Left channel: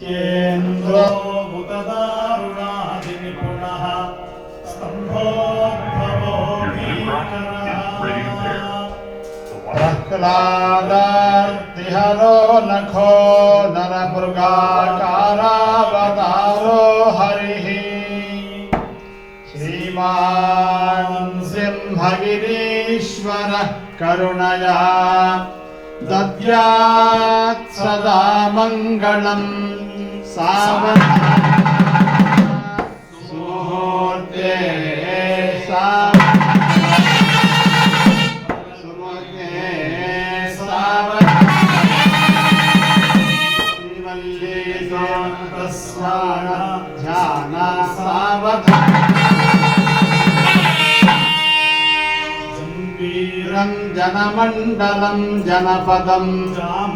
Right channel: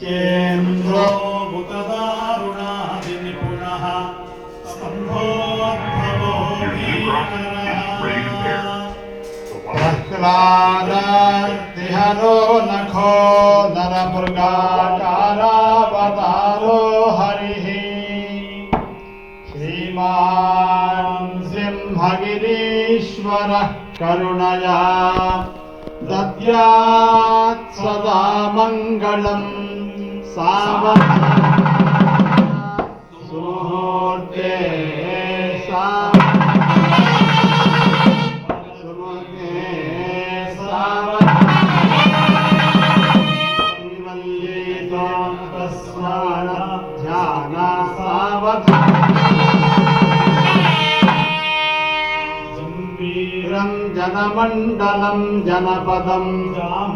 चेन्द्रो मुतदारुणादिनिपुणः स्तम्भोद्भवो भीकरः प्रह्लादार्तिहरो नखो नरमृगाकारावतारो हरिः श्रीमान् सिंहगिरीश्वरः करुणया दद्यात् सदा मङ्गलम् 三万 जनमण्डलं जनपदं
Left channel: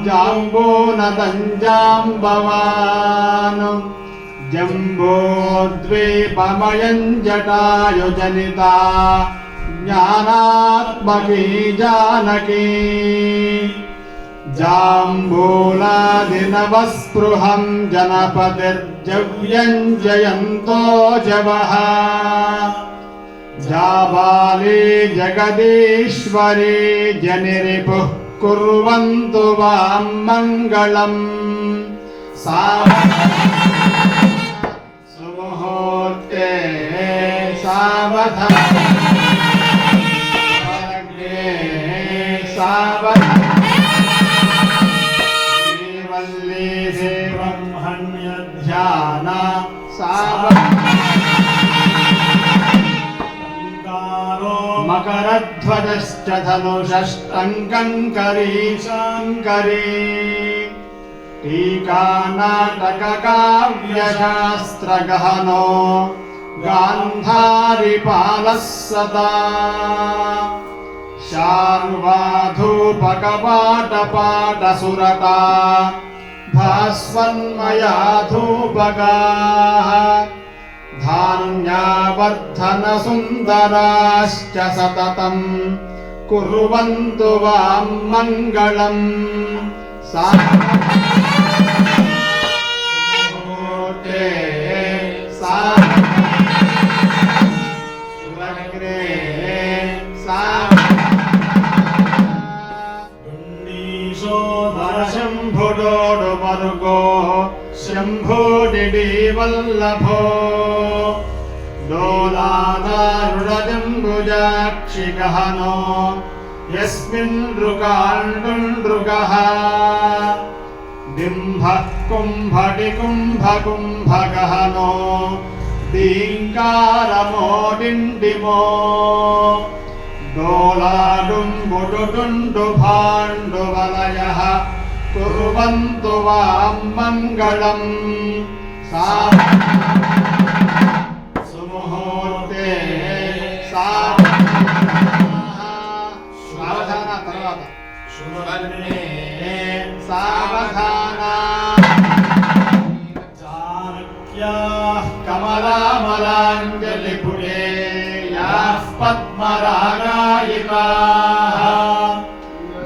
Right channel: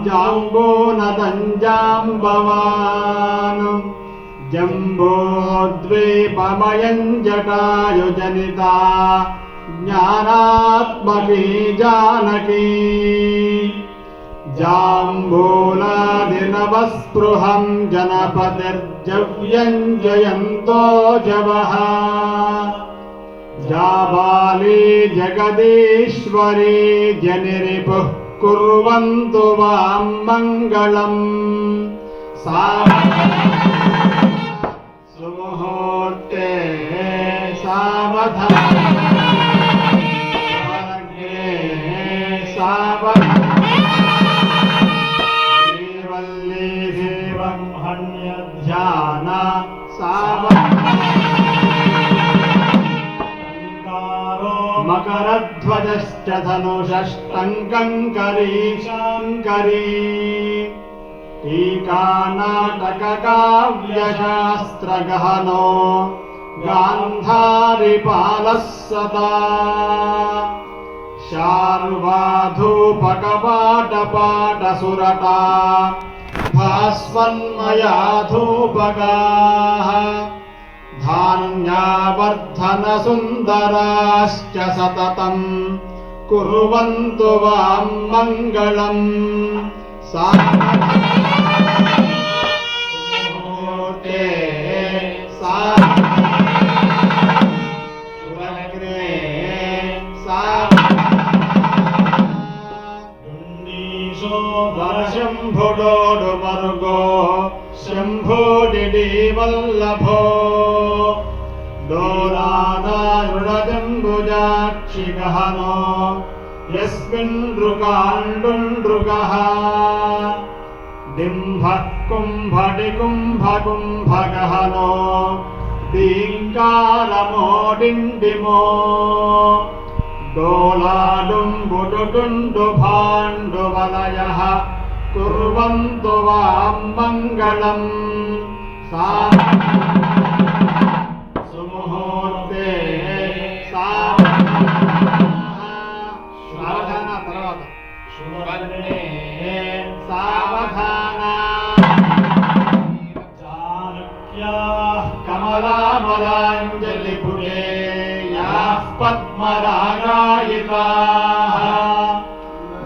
जाम्बोनदञ्जाम्बवान् जम्बोद्वीपमयं जटायुजनिता ज्ञानात्मकी जानकी जाम्बूलादिनवस्पृहं जनपतिर्जव्यञ्जयन्तो जवः जाबाली जगदीश्वरी जनिरिपुः कुर्वन्तु वां मङ्गलम् सा सुमुहूर्ते सावधान सावधान मकरध्वजश्च धनुषष्टङ्कङ्करी शाङ्करी टीकानाटककाव्यशास्त्रगहनो गान्धारिपालः सदा शार्वाधूपकपाटपाटसुरता भास्वन्मया धूपगाः धान्यावर्धनसुन्दराश्च सततम् कुर्वन्तु वां मङ्गलम् सा मुहूर्ते सा सुवर्णे सा शम्भुडोडुमरुगो शम्भुडिडीवल्लभो दोलादारुणजम्बुजाक्षिगहनो यस्मिन् नृकाण्डुण्डृगः डिम्भः कुम्भटिकुम्भकुम्भगहनो दीङ्कारमो डिण्डिमो दोलाडुम्बुडुडुण्डुभाण्डुवलयः कुर्वन्तु वां मङ्गलम् सा कमलामलाञ्जलिपुरे याः पद्मरागायिकाः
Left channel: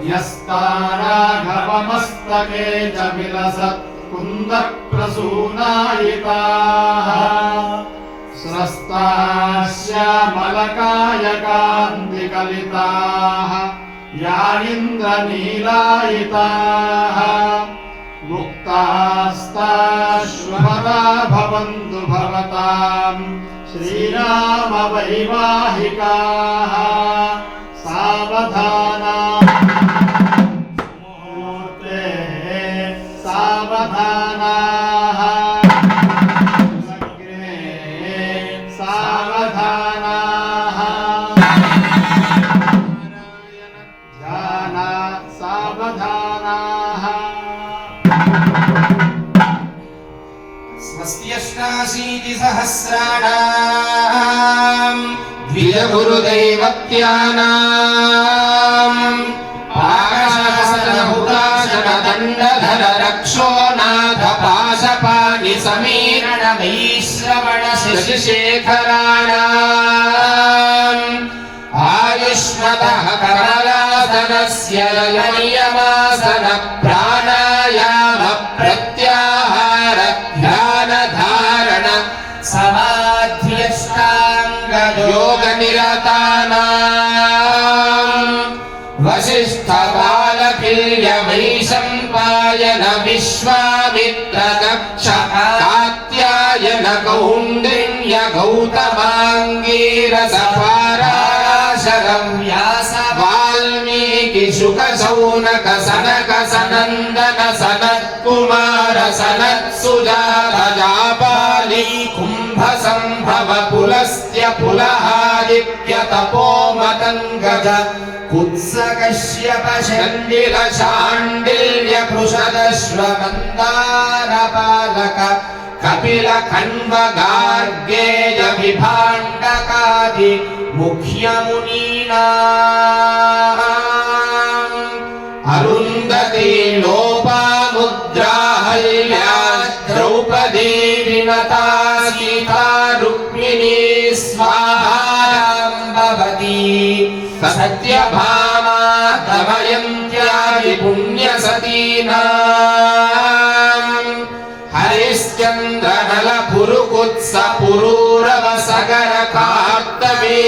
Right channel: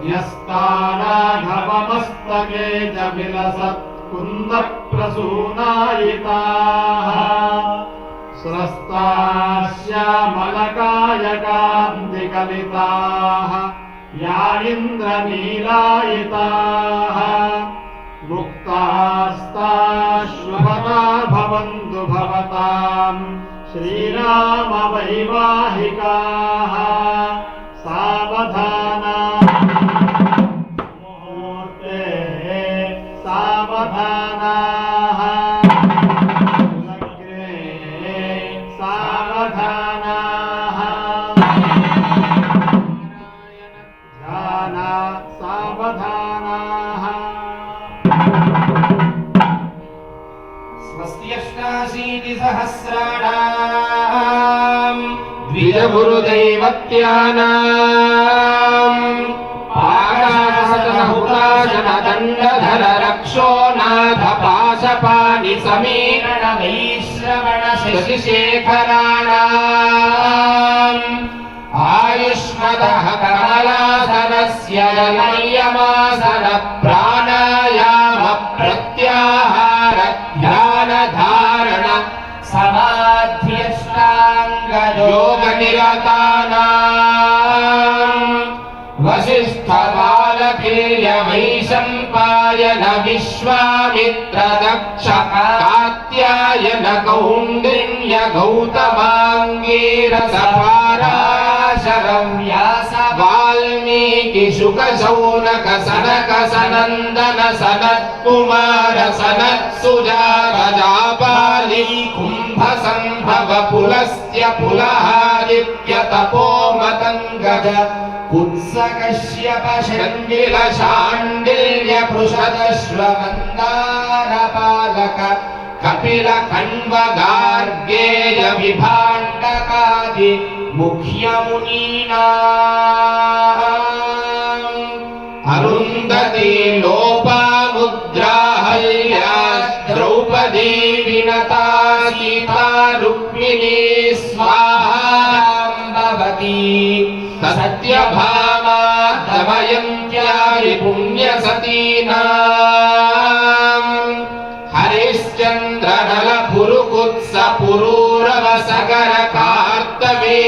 यस्ताराघवमस्तके च विलसत् कुन्दप्रसूनायिकाः स्रस्तास्यामलकायकान्तिकलिताः ्यायिन्द्रनीलायिताः मुक्तास्ता भवन्तु भवताम् श्रीरामवैवाहिकाः सावधाना सहस्राणाम् द्विजगुरुदैवत्यानाम् आकाशनहुताशनदण्डधर रक्षो नाथ पाशपाणि समीरण वैश्रवण शशिशेखराणाम् आयुष्मतः कमलासनस्य ललयमासन प्राणायाम कौण्डिन्य गौतमाङ्गीरसपाराशरं व्यास वाल्मीकि शुक शौनक सनक सनन्दन सनत् कुमार सनत् सुजात जापाली कुम्भ सम्भव पुलस्त्य पुलहादित्य तपो मतङ्गज कुत्सकश्यप विभाण्डकादि मुख्यमुनीनाम् अरुन्धती लोपामुद्राहल्या द्रौपदी विनता सीता रुक्मिणी स्वाहायां भवति सत्यभामा दमयन्त्यादि पुण्यसतीनाम् हरिश्चन्द्र సగర కాప్తవీర్యాది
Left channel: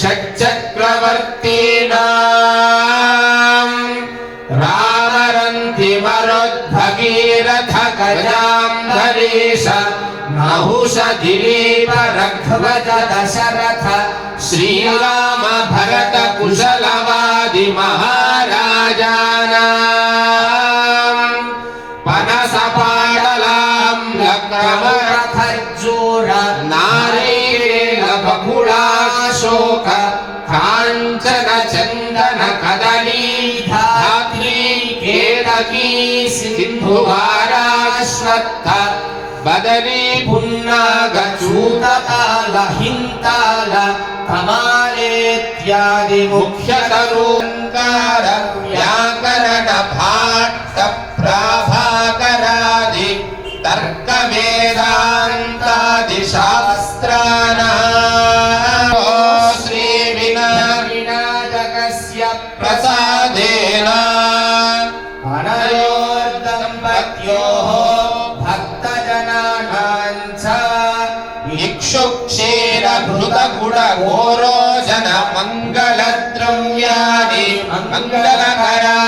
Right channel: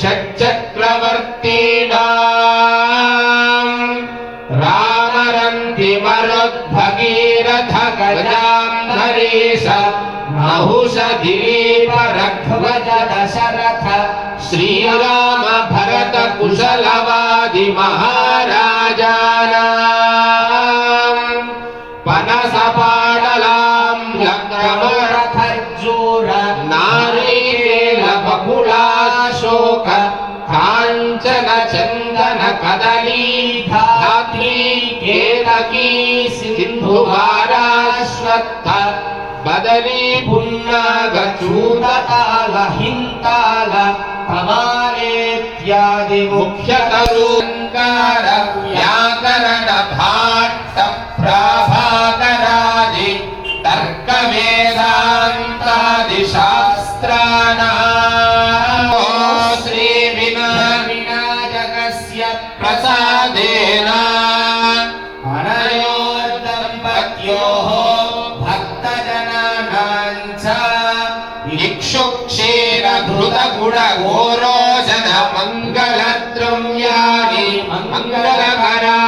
షట్చక్రవర్తీనాం. రామరంతి మరోద్భగీరథ గజాం ధరీష నహుష దిలీప రఘ్వజ దశరథ శ్రీరామ భరత కుశలవా దత్త బదరీ పున్నాగ చూతకాల హింతాల తమాలేత్యాది ముఖ్య కరూంకార इक्षुक्षीरघृतगुणघोरोजन मङ्गलद्रव्याणि मङ्गलकराणि